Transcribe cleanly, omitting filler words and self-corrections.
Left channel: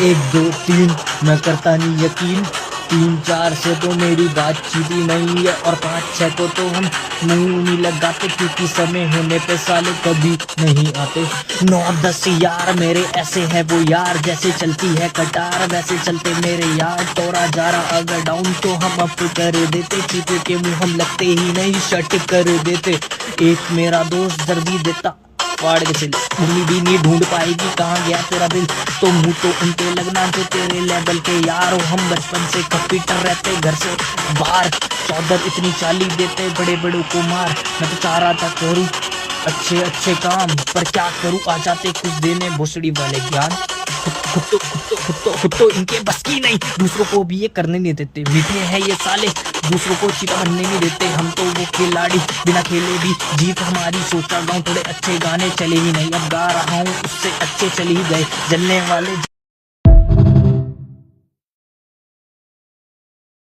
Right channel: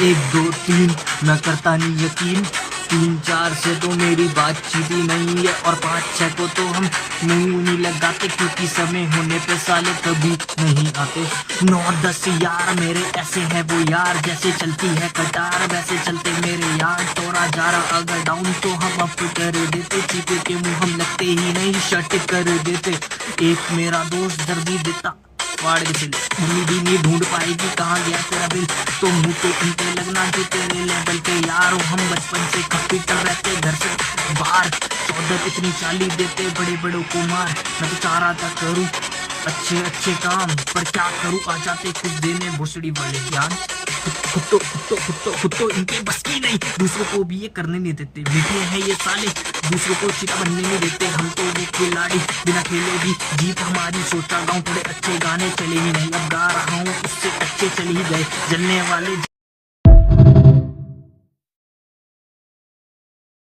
एक दो तीन मैं करता नहीं यकीन, 3 4 से तो मेरी बातचीत ही नहीं है, और 5 6 को तो हम मुंह नहीं लगाते, क्योंकि समय होने पे साले कभी नहीं आते। 9 10 यार मेरे ऐसे हैं वो यार, जैसे चलती है कटार वैसे चलते मेरे यार। टोरा जा रहा अगर डाउन तो हम अप कर देते, चीते के मुंह हम लगते ही नहीं शट कर देते। एक मेरा दोस्त दर्दी देता फाड़ के सिल, मम्मी भी नहीं ढूंढ पाएगी कहाँ गया तेरा बिल, तो मुंह तो उनके लगना जो तेरे लेवल के यार हो। हम बचपन से कंप्यूटर रहते घर से बाहर, चौधर इतनी चाली देते बड़े बड़ों को मार। मैं तो चाह रहा था करूँ अच्छे अच्छे काम, पर क्या करूँ आ जाते कुछ देने भोसड़ी वाले ज्ञान। खुद तो इनके बस की नहीं, दूसरों को भी ये करने नहीं देते। मीठे हैं ये साले, दूसरों को सीधा बनने नहीं देते। हम तो वो खिलाड़ी बिना खेले भी जीत हमारी, सोचा गाँव थोड़े अच्छे गाने चले ही नहीं, अब गा रहा हूँ उससे अच्छे चले ही गए। जलने वाले